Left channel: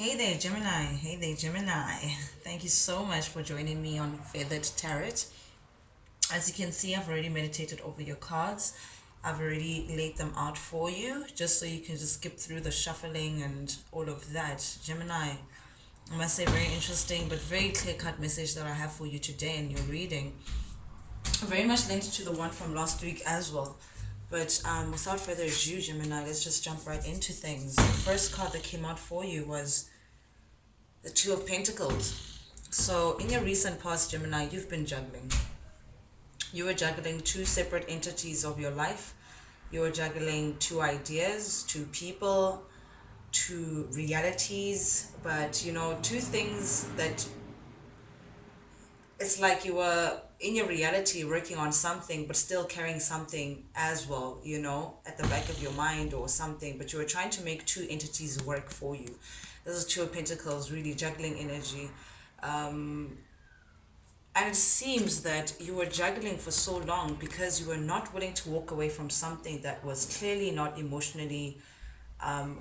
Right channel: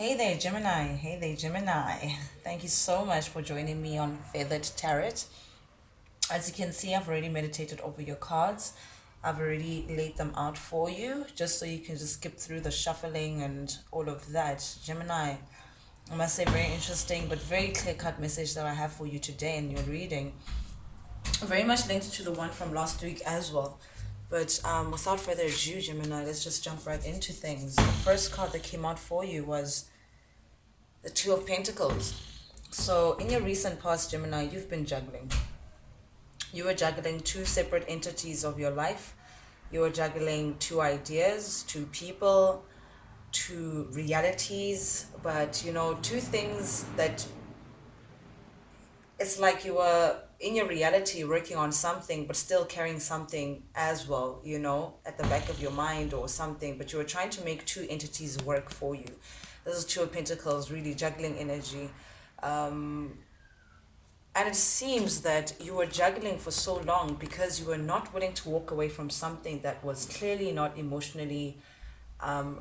Hey there, Gemini. Hey there, Gemini. Thank you so much for joining me on Feathered Tarot. As you can see, I've already meditated over your cards. I've already laid them out for you, just so you can just skip through the shuffling and all of that. Gemini, I must say, very interesting but very clear cut message that I have for you today in your reading. Very much linked to the one from last week as well. But without further ado, Gemini, let's just jump right into things. The first card that came out for you was the Two of Pentacles. So in your recent past, Gemini, you've been juggling. You were juggling two separate entities of your life. You were juggling two ideas, two people, two realities, but two things that it's like you were in your reality working on something but still carrying something as well, at the back of your mind or something, but you were trying to make two entities work for you. This is Two of Pentacles, really juggling energy. And it seems that you were juggling for so long because you were not willing to walk away from something that was clearly not emotionally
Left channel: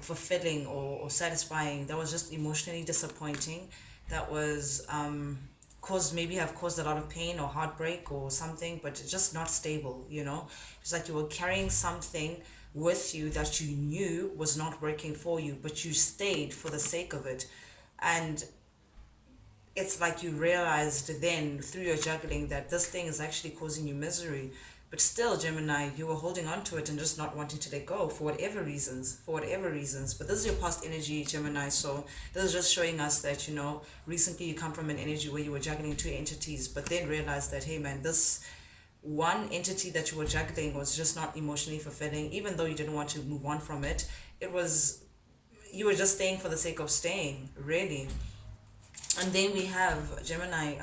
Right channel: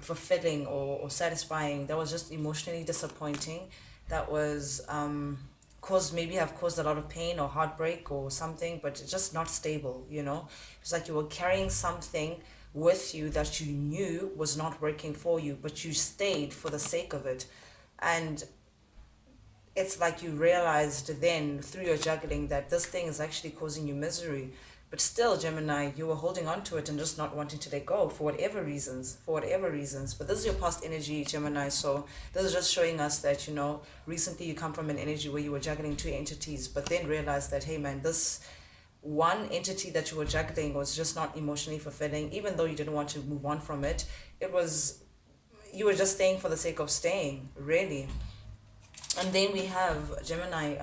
fulfilling or satisfying. That was just emotionally disappointing. That was have caused a lot of pain or heartbreak or something, but it's just not stable. It's like you were carrying something with you that you knew was not working for you, but you stayed for the sake of it. And it's like you realized then through your juggling that this thing is actually causing you misery. But still, Gemini, you were holding on to it and just not wanting to let go for whatever reasons. But this is your past energy, Gemini. So this is just showing us that, recently you come from an energy where you were juggling two entities, but then realized that, hey man, this one entity that you were juggling was just not emotionally fulfilling. Even though you didn't want to move on from it, you were just staying for the sake of staying, really. And then we have Gemini,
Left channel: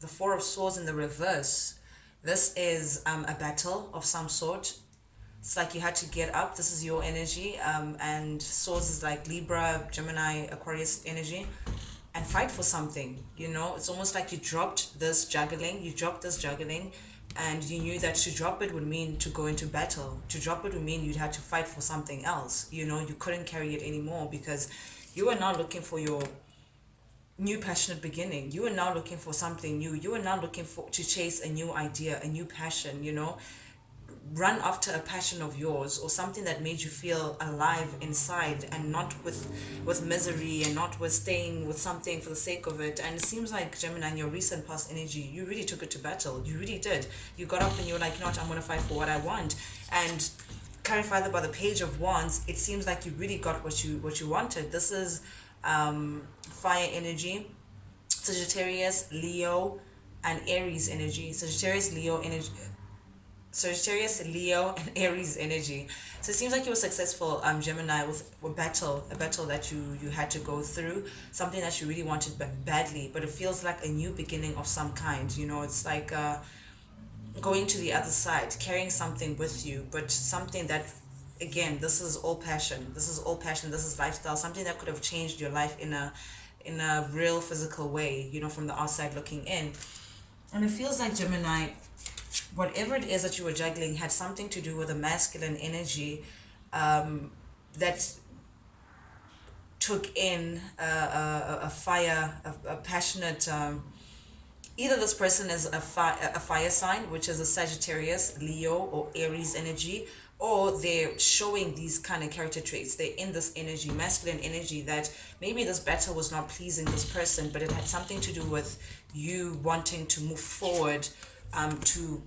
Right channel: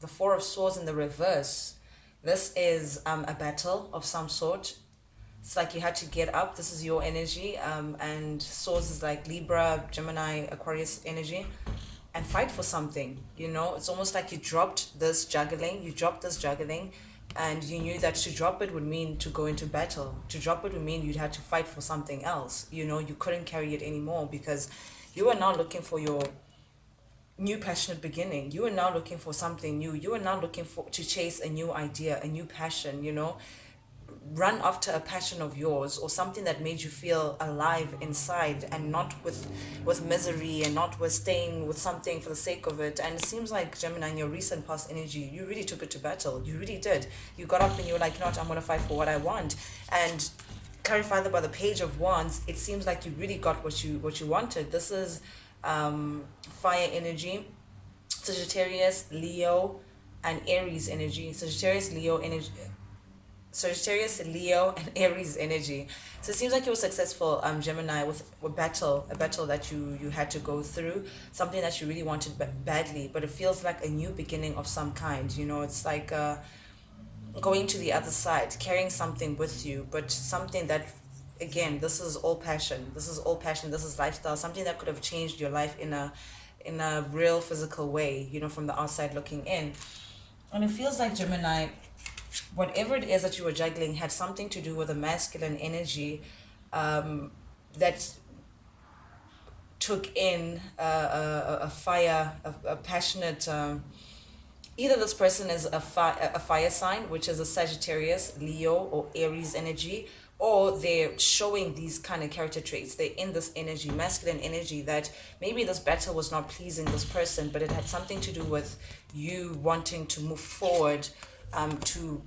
the Four of Swords in the reverse. This is a battle of some sort. It's like you had to get up. This is your energy. And Swords is like Libra, Gemini, Aquarius energy. And fight for something. It's almost like you dropped this juggling. And you knew that to drop it would mean to go into battle. To drop it would mean you'd have to fight for something else. You couldn't carry it anymore because you are now looking for your new passionate beginning. You are now looking for something new. You are now looking to chase a new idea, a new passion, run after a passion of yours or something that made you feel alive inside, and not with misery, and not with staying with something for the sake of it. And it seems like, Gemini, in your recent past energy, you really took it to battle. You really did. You got up and you were like, I'm going to fight for what I want. And carried further by the Page of Wands, it seems like you really got what you wanted. This is fire energy, Sagittarius, Leo, and Aries energy. Sagittarius, Leo, and Aries energy. So it seems like you were successful, Gemini, with a battle that you had to go through, something that you really wanted badly, but it feels like a new beginning of some kind. It's like going to the other side, carrying something with you, but something that, again, this is all passion. This is lifestyle, something that could have changed your life in a real physical way, from the outside looking in. And it feels like, Gemini, whatever it is that you were juggling had something to do with a masculine energy that took in a fire, a passionate, either this person is a fire sign, which is a Sagittarius, Leo, or Aries energy, or they're showing these kind of character traits. They're in this energy, masculine energy, that maybe this battle was not pleasing this person, but it had something to do with you wanting to move forward, to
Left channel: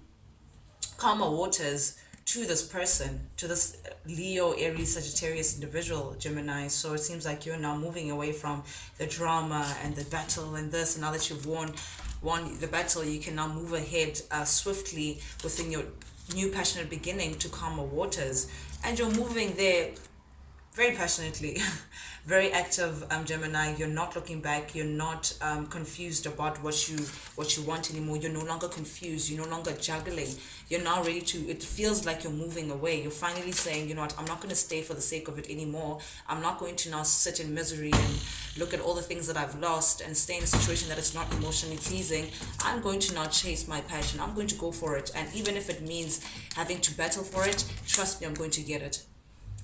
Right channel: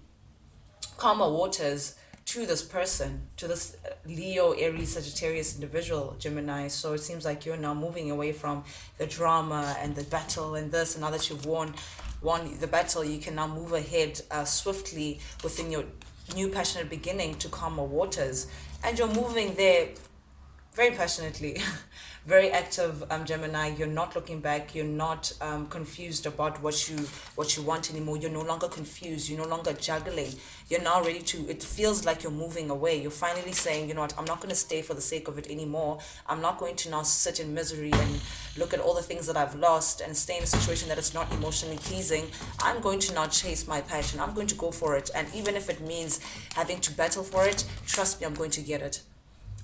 calmer waters, to this person, to this Leo, Aries, Sagittarius individual, Gemini. So it seems like you're now moving away from the drama and the battle and this, and now that you've won the battle, you can now move ahead swiftly within your new passionate beginning to calmer waters. And you're moving there very passionately, very active, Gemini. You're not looking back. You're not confused about what you want anymore. You're no longer confused. You're no longer juggling. You're now ready to, it feels like you're moving away. You're finally saying, you know what, I'm not going to stay for the sake of it anymore. I'm not going to now sit in misery and look at all the things that I've lost and stay in a situation that is not emotionally pleasing. I'm going to now chase my passion. I'm going to go for it. And even if it means having to battle for it, trust me, I'm going to get it.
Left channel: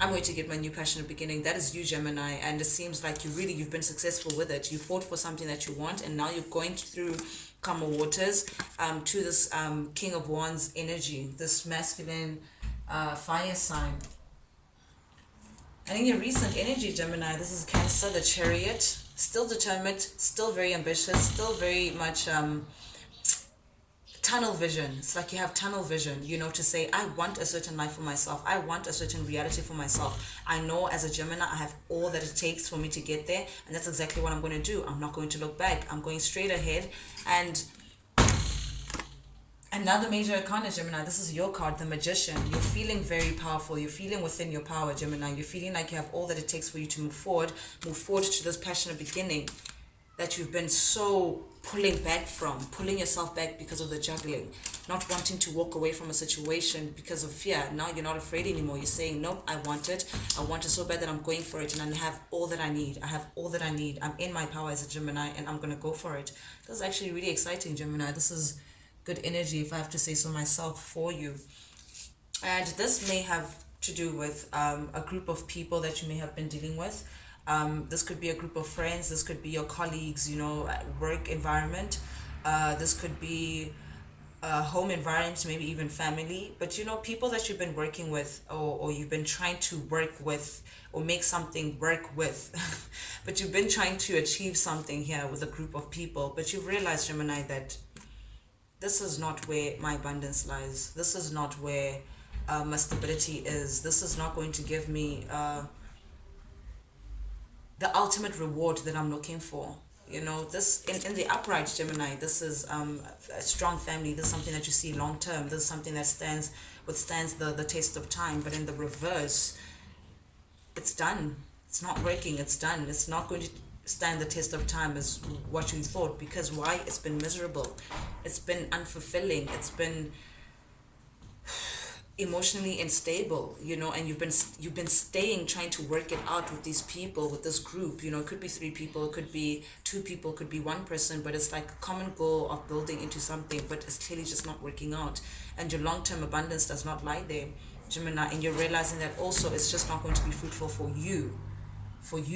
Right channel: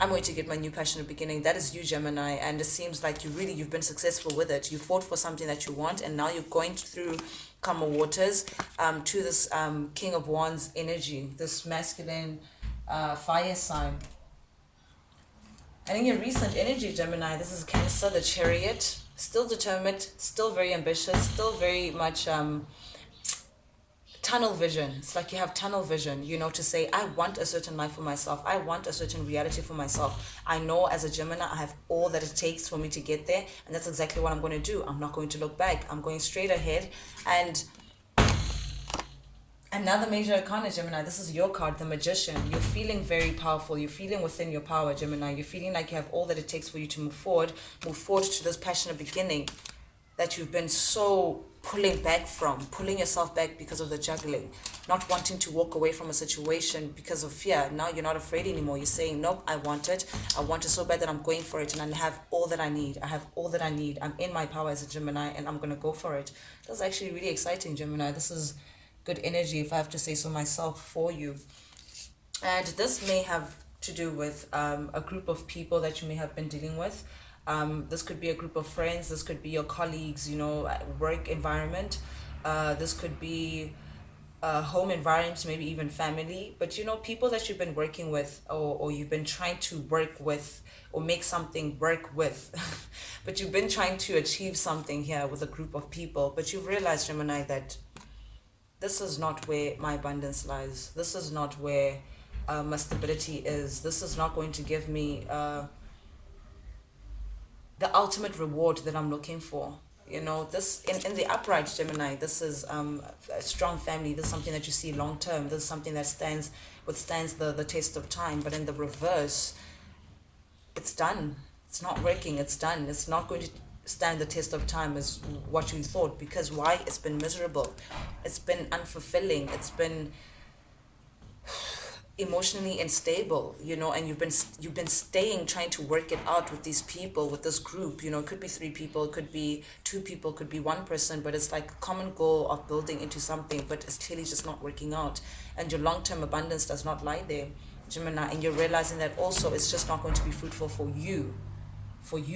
I'm going to get my new passionate beginning. That is you, Gemini, and it seems like you've been successful with it. You fought for something that you want, and now you're going through calmer waters, to this King of Wands energy, this masculine fire sign. And in your recent energy, Gemini, this is Cancer, the Chariot, still determined, still very ambitious, still very much tunnel vision. It's like you have tunnel vision, to say, I want a certain life for myself. I want a certain reality for myself. I know as a Gemini, I have all that it takes for me to get there. And that's exactly what I'm going to do. I'm not going to look back. I'm going straight ahead. And another major arcana, Gemini, this is your card, the Magician. You're feeling very powerful. You're feeling within your power, Gemini. You're feeling like you have all that it takes for you to move forward to this passionate beginning that you've been so pulling yourself back because of the juggling, not wanting to walk away from a situation because of fear. Now you're not afraid anymore. You're saying, nope, I want it. I want it so bad that I'm going for it, and I have all that I need. I'm in my power as a Gemini, and I'm going to go for it. That's actually really exciting, Gemini. This is good energy, if I have to say so myself, for you. And this may have to do with a group of people that you may have been dealing with. This could be a group of friends. This could be your colleagues, work environment. This could be home environments, maybe even family. But, people that you've been working with, or you've been trying to work with, or make something work with. But you've been trying to achieve something here with a group of people. But you've realized, Gemini, that this is not where my abundance lies. This is not where my stability is. This is not going to give me the ultimate reward that I'm looking for. This in the upright, Gemini, this is a strong family. This is something that you see long term. This is something that withstands the test of time. But in the reverse, it's done. It's not working. It's done. It's not going to stand the test of time as what you thought. Because why? It's been miserable. It's been unfulfilling. It's been emotionally unstable, and you've been staying, trying to work it out with these people, with this group. It could be 3 people, it could be 2 people, it could be 1 person, but it's like a common goal of building into something, but it's clearly just not working out, and your long-term abundance does not lie there, Gemini. And you're realizing that also it's just not going to be fruitful for you,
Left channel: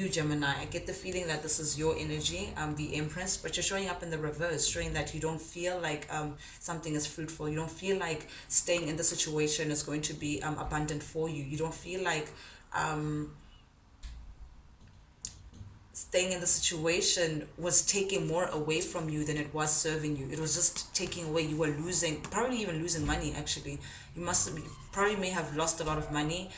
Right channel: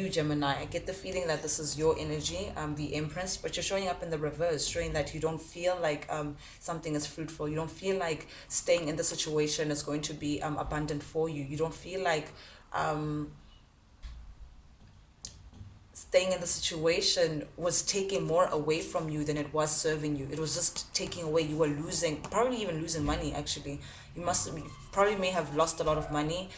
Gemini. I get the feeling that this is your energy, the Empress, but you're showing up in the reverse, showing that you don't feel like something is fruitful. You don't feel like staying in the situation is going to be abundant for you. You don't feel like staying in the situation was taking more away from you than it was serving you. It was just taking away. You were losing, probably even losing money, actually. Probably may have lost a lot of money,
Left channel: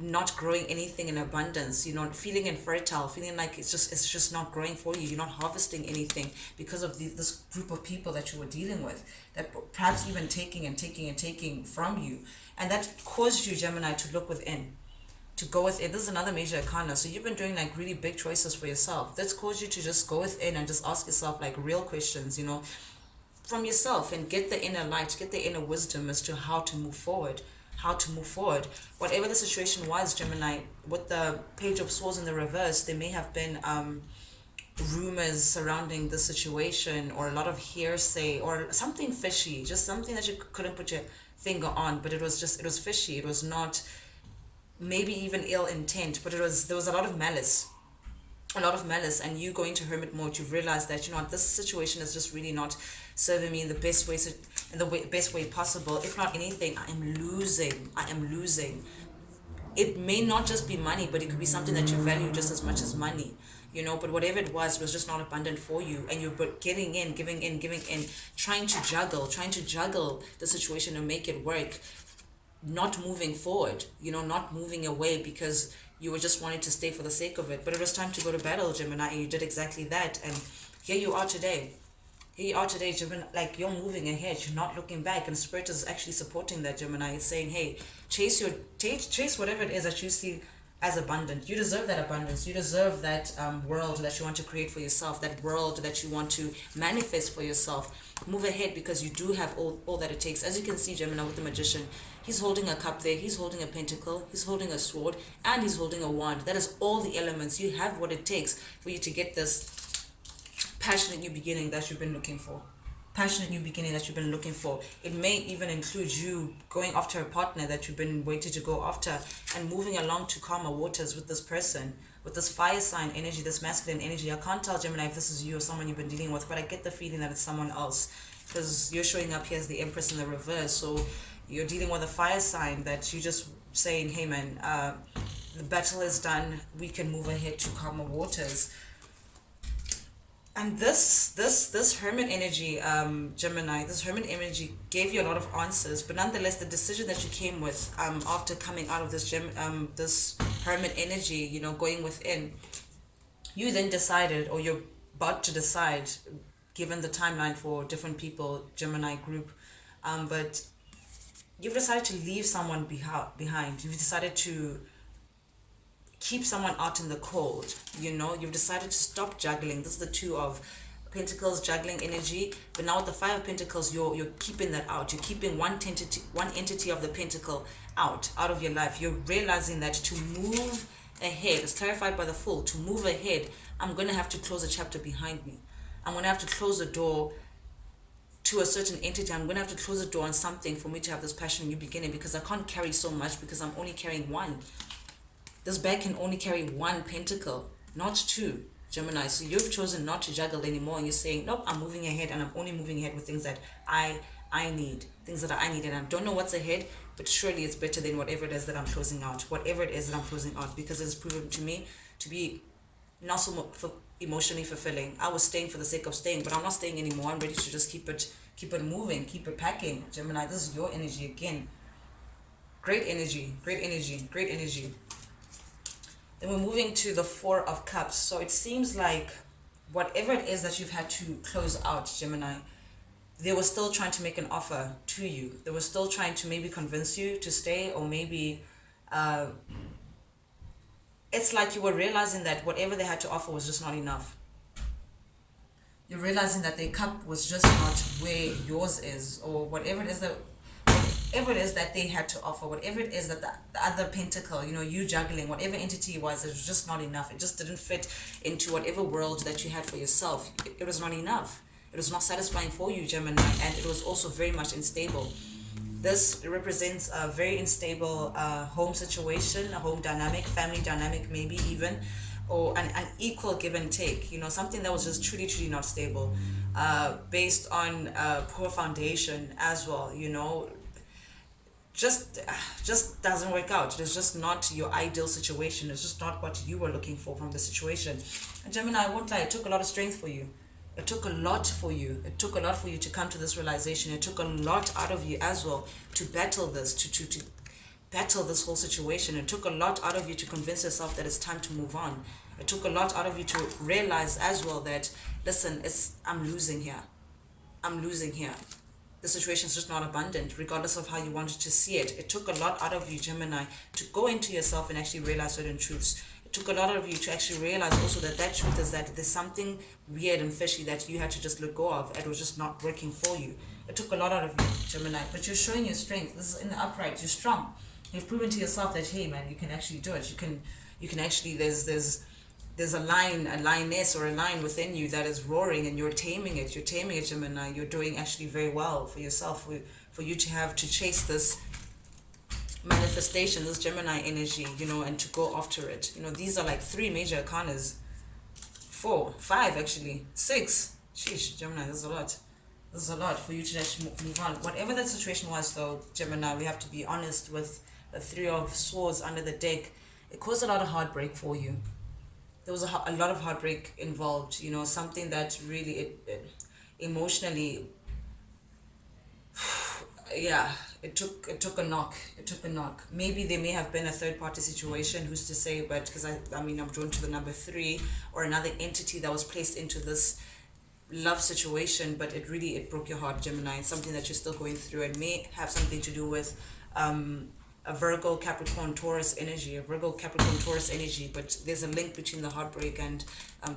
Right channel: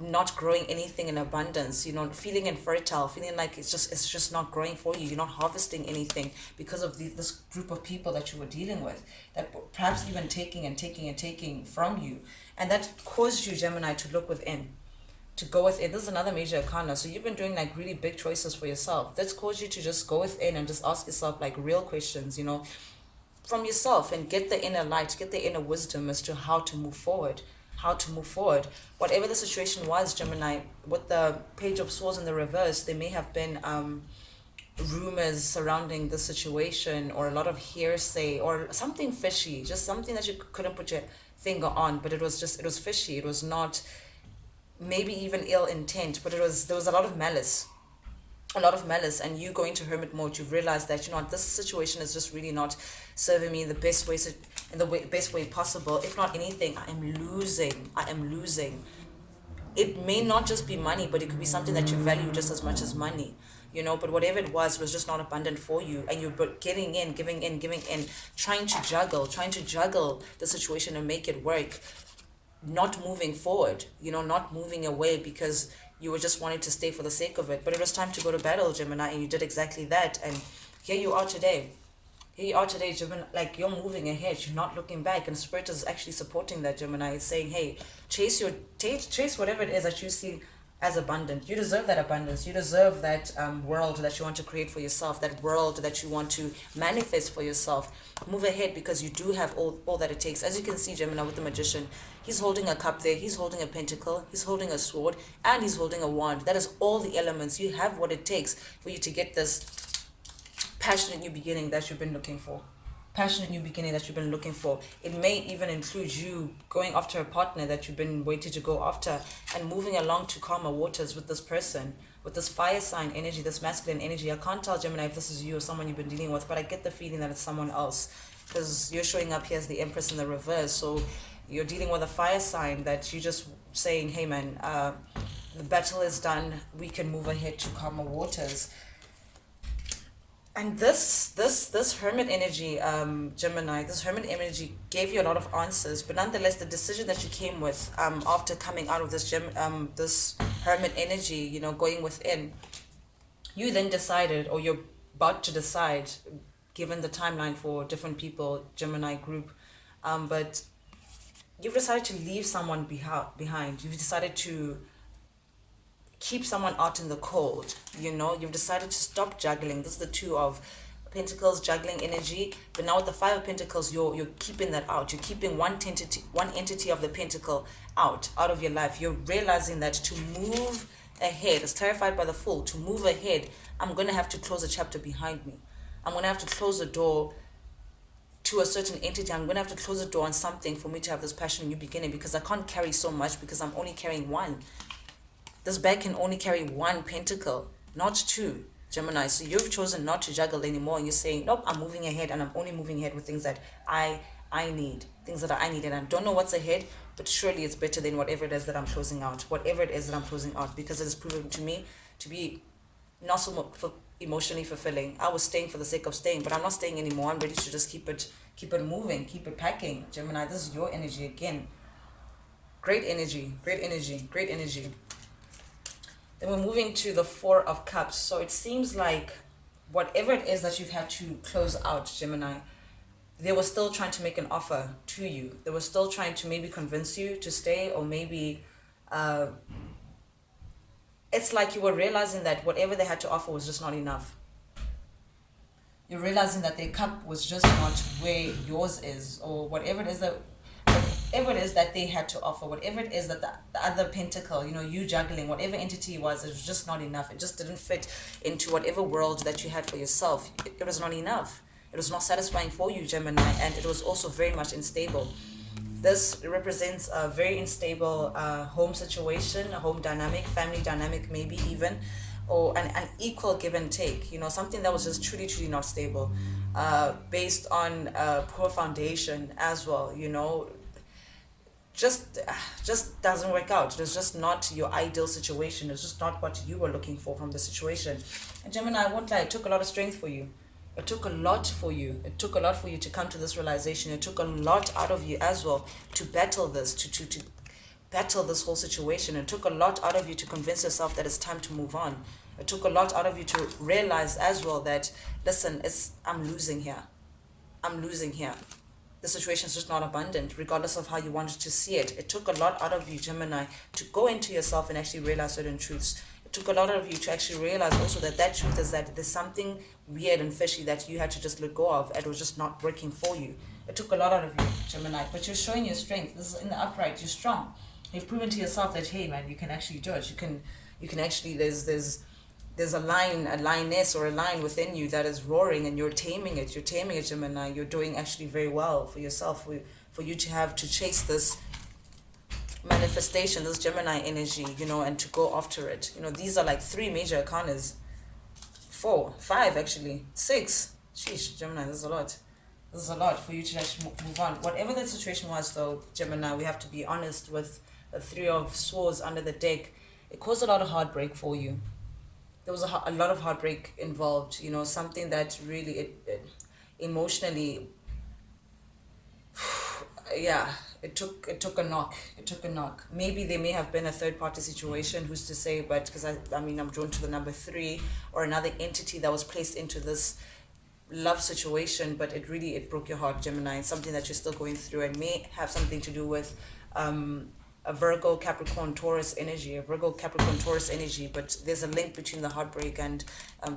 not growing anything in abundance, feeling infertile, feeling like it's just not growing for you. You're not harvesting anything because of this group of people that you were dealing with, that perhaps even taking from you. And that caused you, Gemini, to look within, to go within. This is another major arcana. So you've been doing like really big choices for yourself. That's caused you to just go within and just ask yourself like real questions, from yourself, and get the inner light, get the inner wisdom as to how to move forward. Whatever the situation was, Gemini, with the Page of Swords in the reverse, there may have been rumors surrounding the situation, or a lot of hearsay, or something fishy, just something that you couldn't put your finger on, but it was fishy. It was not maybe even ill intent, but there was a lot of malice. And you going to hermit mode, you've realized that this situation is just really not serving me in the best way possible. If not anything, I am losing. It may not just be money, but it could be something that you value just as much as money, but whatever it was just not abundant for you, and you're giving in, trying to juggle the situation and make it work, not moving forward, not moving away because you were just wanting to stay for the sake of it. But it was time to go to battle, Gemini, and you did exactly that. And here you are today, Gemini, like you're moving ahead, you're not looking back, and Spirit is actually supporting that, Gemini. It's saying, hey, chase whatever it is that you see as abundant. You deserve that abundance. You deserve that world that you want to create for yourself, that world that you want to manifest for yourself. Move ahead, because you do have all that it takes. As you can see, Gemini, with the Magician, he's holding a cup there, he's holding a pentacle, he's holding a sword, and he's holding a wand. That is all the elements. You have what it takes for you to get this passionate new beginning that you've been looking for. passionate new beginning that you've been looking for. It may even include you going after a partner that you've been waiting to go after and moving along to calmer waters with this person, with this fire sign energy, this masculine energy. I can't tell, Gemini, if this is you or someone you've been dealing with, but I get the feeling that it's someone else because you're showing up here as the Empress in the reverse. So you're dealing with a fire sign that you just saying, hey man, the battle is done. We can move ahead to calmer waters. And this hermit energy, Gemini, this hermit energy gave you a lot of answers, but nonetheless, the decision that you came with after coming out of this hermit energy, you know, going within, you then decided, or you're about to decide, given the timeline for different people, Gemini group, but you've decided to leave someone behind. You've decided to keep someone out in the cold. You know, you've decided to stop juggling. This is the Two of Pentacles, juggling energy, but now with the Five of Pentacles, you're keeping that out. You're keeping one entity of the pentacle out of your life. You're realizing that to move ahead, it's clarified by the Fool, to move ahead, I'm going to have to close a chapter behind me. I'm going to have to close the door to a certain entity. I'm going to have to close the door on something for me to have this passion new beginning, because I can't carry so much, because I'm only carrying one. This bag can only carry one pentacle, not two, Gemini. So you've chosen not to juggle anymore, and you're saying, nope, I'm moving ahead, and I'm only moving ahead with things that I need, things that I need, and I don't know what's ahead, but surely it's better than whatever it is that I'm closing out, because it's proven to me to be not so emotionally fulfilling. I was staying for the sake of staying, but I'm not staying anymore. I'm ready to just keep it moving, keep it packing. Gemini, this is your energy again. Great energy, great energy, great energy. Then we're moving to the Four of Cups. So it seems like whatever it is that you've had to close out, Gemini, they were still trying to make an offer to you. They were still trying to maybe convince you to stay, or maybe it's like you were realizing that whatever they had to offer was just not enough. You're realizing that their cup was just not where yours is, or whatever it is that they had to offer, whatever it is that the other pentacle, you know, you juggling, whatever entity it was just not enough. It just didn't fit into whatever world that you had for yourself. It was not enough. It was not satisfying for you, Gemini, and it was also very much unstable. This represents a very unstable home situation, a home dynamic, family dynamic, maybe even, or an equal give and take, you know, something that was just truly not stable, based on poor foundation as well, you know. Just doesn't work out. It's just not your ideal situation. It's just not what you were looking for from the situation. And Gemini, I won't lie, it took a lot of strength for you. It took a lot for you. It took a lot for you to come to this realization. It took a lot out of you as well to battle this, to battle this whole situation. It took a lot out of you to convince yourself that it's time to move on. It took a lot out of you to realize as well that, listen, I'm losing here. I'm losing here. The situation is just not abundant, regardless of how you wanted to see it. It took a lot out of you, Gemini, to go into yourself and actually realize certain truths. It took a lot out of you to actually realize also that truth is that there's something weird and fishy that you had to just let go of, and it was just not working for you. It took a lot out of you, Gemini, but you're showing your strength. This is in the upright. You're strong. You've proven to yourself that, hey man, you can actually do it. You can actually, there's a lioness or a lion within you that is roaring, and you're taming it, Gemini. You're doing actually very well for yourself, for you to chase this manifestation, this Gemini energy, you know, and to go after it. You know, these are like 3 major arcanas. 4, 5 actually, 6. Sheesh, Gemini, this is a lot. This is a lot for you to actually move on. Whatever that situation was though, Gemini, we have to be honest with the 3 of Swords under the deck. It caused a lot of heartbreak for you. There was a lot of heartbreak involved, you know, something that really it emotionally, yeah, it took a knock. Maybe there may have been a third party situation, who's to say, but because I mean, I'm drawn to the number 3, or another entity that was placed into this love situation, but it broke your heart, Gemini. It's something that you're still going through, and may have something to do with a Virgo, Capricorn, Taurus energy, but there's a link between the heartbreak and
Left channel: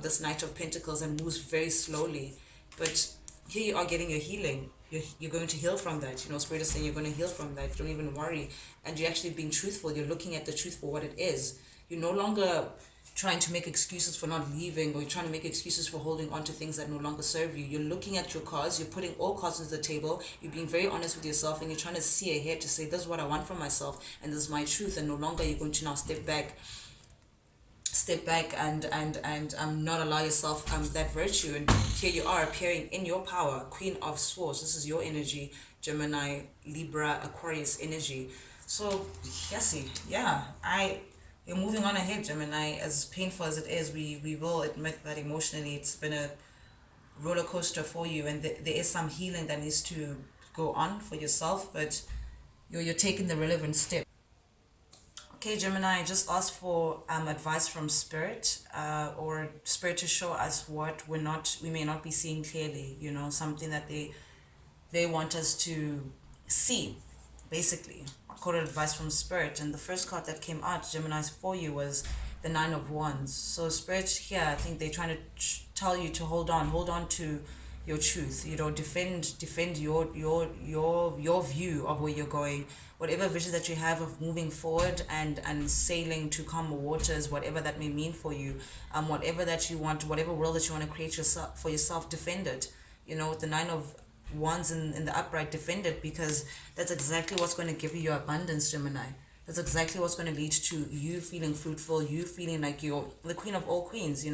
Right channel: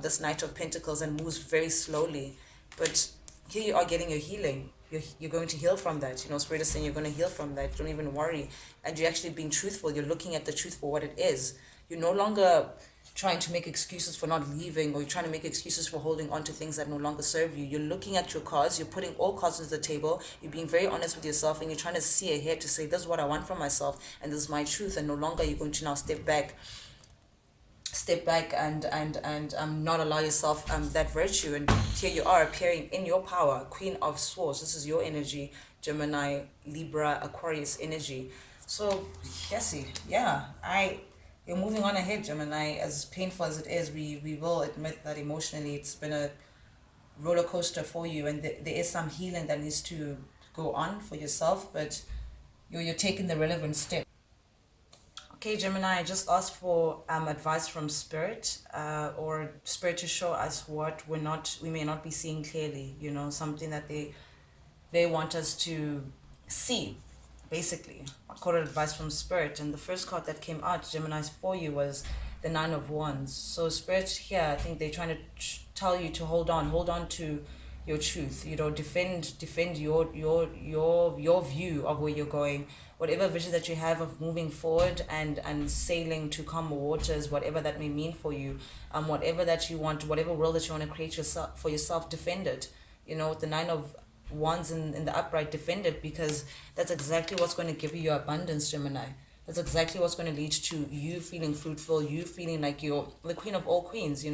this Knight of Pentacles, and moves very slowly. But here you are getting your healing. You're going to heal from that. You know, Spirit is saying you're going to heal from that. Don't even worry. And you're actually being truthful. You're looking at the truth for what it is. You're no longer trying to make excuses for not leaving, or you're trying to make excuses for holding on to things that no longer serve you. You're looking at your cards, you're putting all cards on the table, you're being very honest with yourself, and you're trying to see ahead to say, this is what I want for myself, and this is my truth, and no longer you're going to now step back and not allow yourself that virtue. And here you are appearing in your power, Queen of Swords. This is your energy, Gemini, Libra, Aquarius energy. So yes, yeah, you're moving on ahead, Gemini. As painful as it is, we will admit that emotionally it's been a roller coaster for you, and there is some healing that needs to go on for yourself, but you're taking the relevant step. Okay, Gemini, I just asked for advice from Spirit, or Spirit to show us what we may not be seeing clearly. Something that they want us to see, basically. I call it advice from Spirit, and the first card that came out, Gemini's, for you was the Nine of Wands. So Spirit here, I think they're trying to tell you to hold on to your truth. Defend your view of where you're going, whatever vision that you have of moving forward and sailing to calmer waters, whatever that may mean for you, whatever that you want, whatever world that you want to create for yourself, defend it. The Nine of Wands in the upright, defend it, because that's exactly what's going to give you your abundance, Gemini. That's exactly what's going to lead to you feeling fruitful, you feeling like you're the queen of all queens.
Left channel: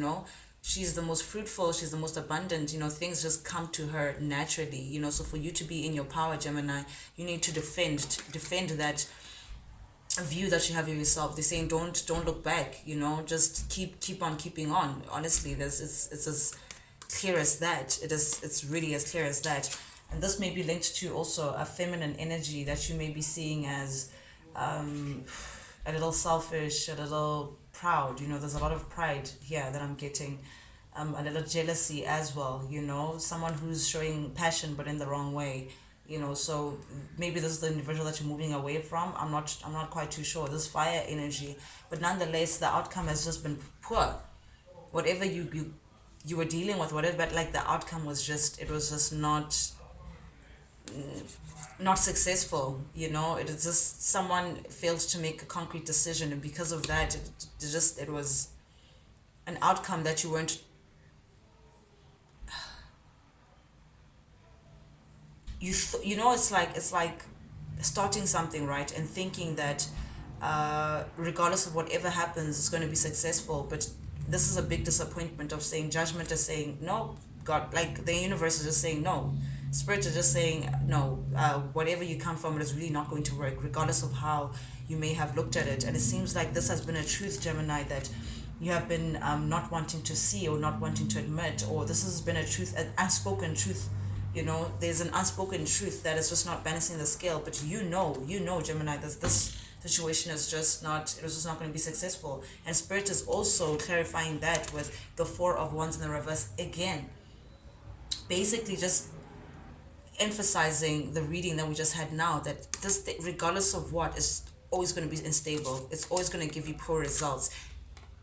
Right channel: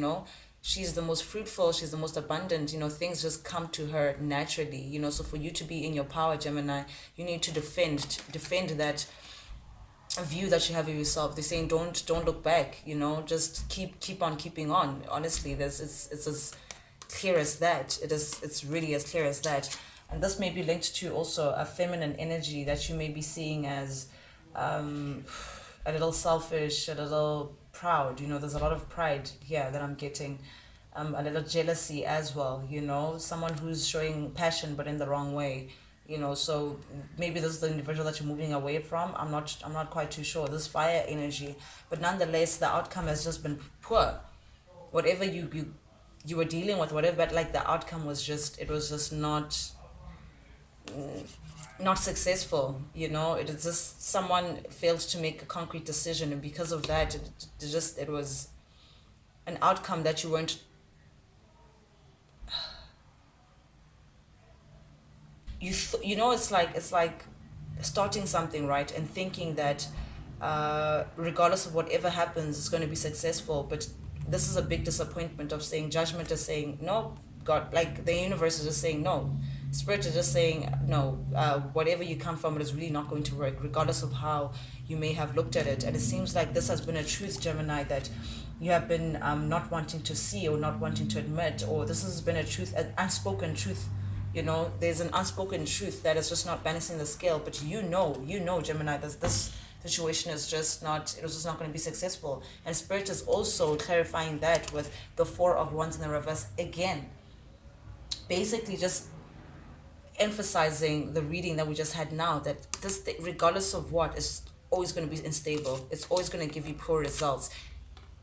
She's the most fruitful, she's the most abundant. Things just come to her naturally. So for you to be in your power, Gemini, you need to defend that view that you have of yourself. They're saying don't look back. Just keep on keeping on. Honestly, it's as clear as that. It's really as clear as that. And this may be linked to also a feminine energy that you may be seeing as a little selfish, a little proud. There's a lot of pride here that I'm getting. A little jealousy as well. Someone who's showing passion but in the wrong way. So maybe this is the individual that you're moving away from. I'm not quite too sure. This fire energy, but nonetheless, the outcome has just been poor. Whatever you were dealing with, whatever, but like the outcome was just not successful. It is just someone failed to make a concrete decision, and because of that, it was an outcome that you weren't. It's like starting something, right, and thinking that regardless of whatever happens, it's going to be successful. But this is a big disappointment of saying, judgment is saying no, God, like the universe is just saying no, Spirit is just saying no. Whatever you come from, it is really not going to work, regardless of how you may have looked at it. And it seems like this has been a truth, Gemini, that you have been not wanting to see or not wanting to admit, or this has been a truth, an unspoken truth. There's an unspoken truth that is just not balancing the scale, but Gemini, this situation is just not, it was just not going to be successful. And Spirit is also clarifying that with the Four of Wands in the reverse again, basically just emphasizing the reading that we just had now, that this, regardless of what, is always going to be unstable. It's always going to give you poor results.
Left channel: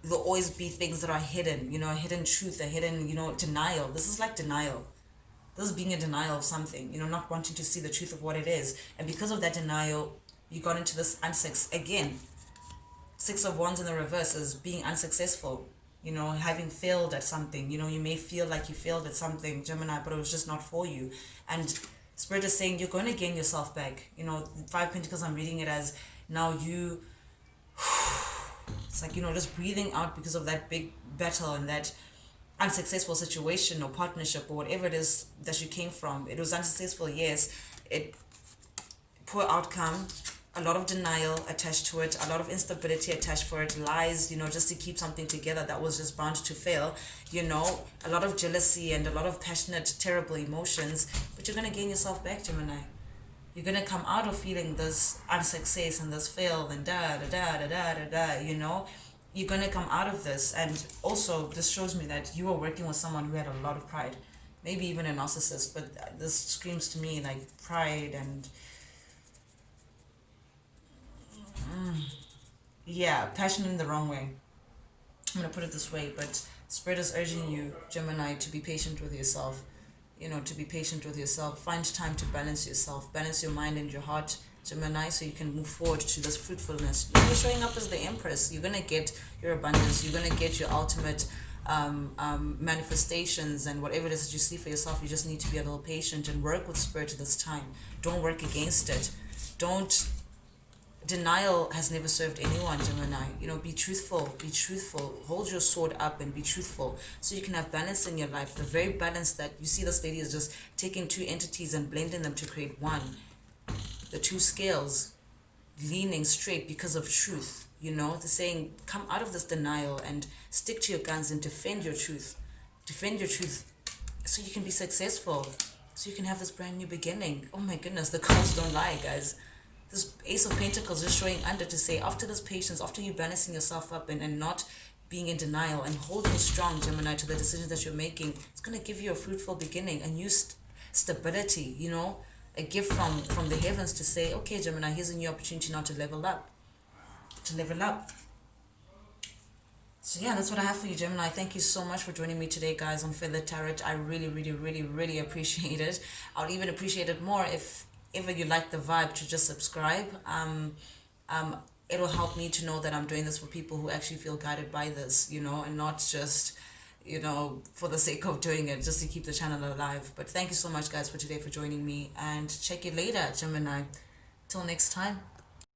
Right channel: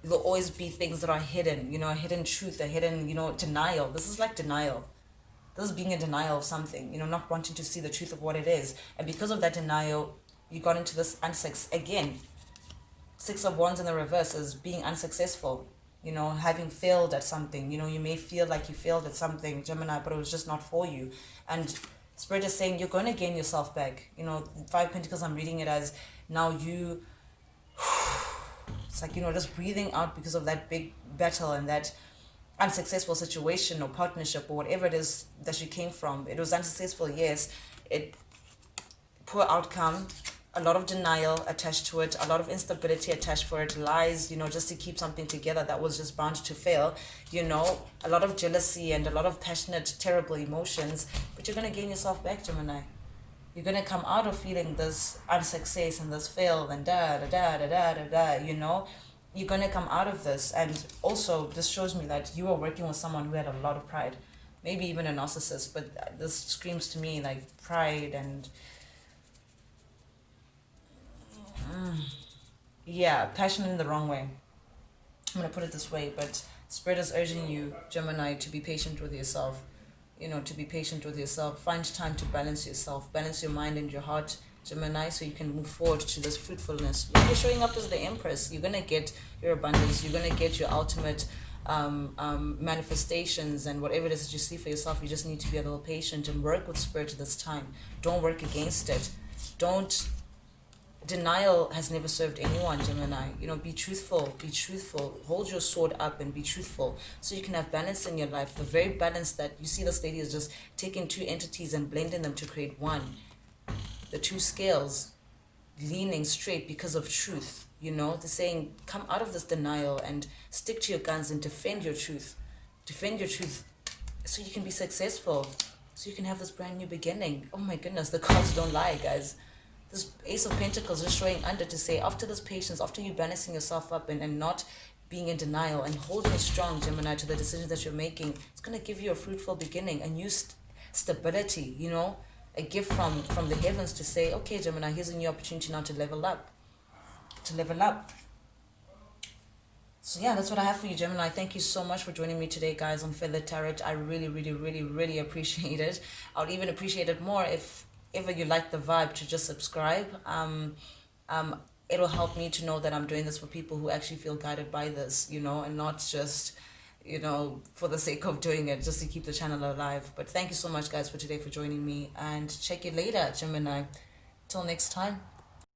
There'll always be things that are hidden, a hidden truth, a hidden, denial. This is like denial. This is being in denial of something, not wanting to see the truth of what it is. And because of that denial, you got into this again. Six of Wands in the reverse is being unsuccessful, having failed at something. You may feel like you failed at something, Gemini, but it was just not for you. And Spirit is saying you're going to gain yourself back. Five Pentacles, I'm reading it as now you, it's like, just breathing out because of that big battle and that unsuccessful situation or partnership or whatever it is that you came from. It was unsuccessful, yes. Poor outcome, a lot of denial attached to it, a lot of instability attached for it, lies, just to keep something together that was just bound to fail, a lot of jealousy and a lot of passionate, terrible emotions. But you're going to gain yourself back, Gemini. You're going to come out of feeling this unsuccess and this fail and you're going to come out of this. And also, this shows me that you are working with someone who had a lot of pride, maybe even a narcissist, but this screams to me like pride and passion in the wrong way. I'm going to put it this way, but Spirit is urging you, Gemini, to be patient with yourself. To be patient with yourself. Find time to balance yourself, balance your mind and your heart. Gemini, so you can move forward to this fruitfulness. You're showing up as the Empress. You're gonna get your abundance. You're gonna get your ultimate manifestations, and whatever it is that you see for yourself. You just need to be a little patient and work with spirit at this time. Don't work against it. Don't Denial has never served anyone, Gemini. Be truthful, hold your sword up and be truthful, so you can have balance in your life. The very balance that you see, this lady is just taking two entities and blending them to create one. The two scales leaning straight because of truth. They're saying, come out of this denial and stick to your guns and defend your truth. Defend your truth so you can be successful, so you can have this brand new beginning. Oh my goodness, the cards don't lie, guys. This Ace of Pentacles is showing under to say, after this patience, after you balancing yourself up and not being in denial and holding strong, Gemini, to the decisions that you're making, it's going to give you a fruitful beginning, a new stability, a gift from the heavens to say, okay, Gemini, here's a new opportunity now to level up. So yeah, that's what I have for you, Gemini. Thank you so much for joining me today, guys, on Feather Tarot. I really, really, really, really appreciate it. I would even appreciate it more if ever you like the vibe to just subscribe. It'll help me to know that I'm doing this for people who actually feel guided by this, and not just, for the sake of doing it, just to keep the channel alive. But thank you so much, guys, for today, for joining me, and check you later, Gemini. Till next time.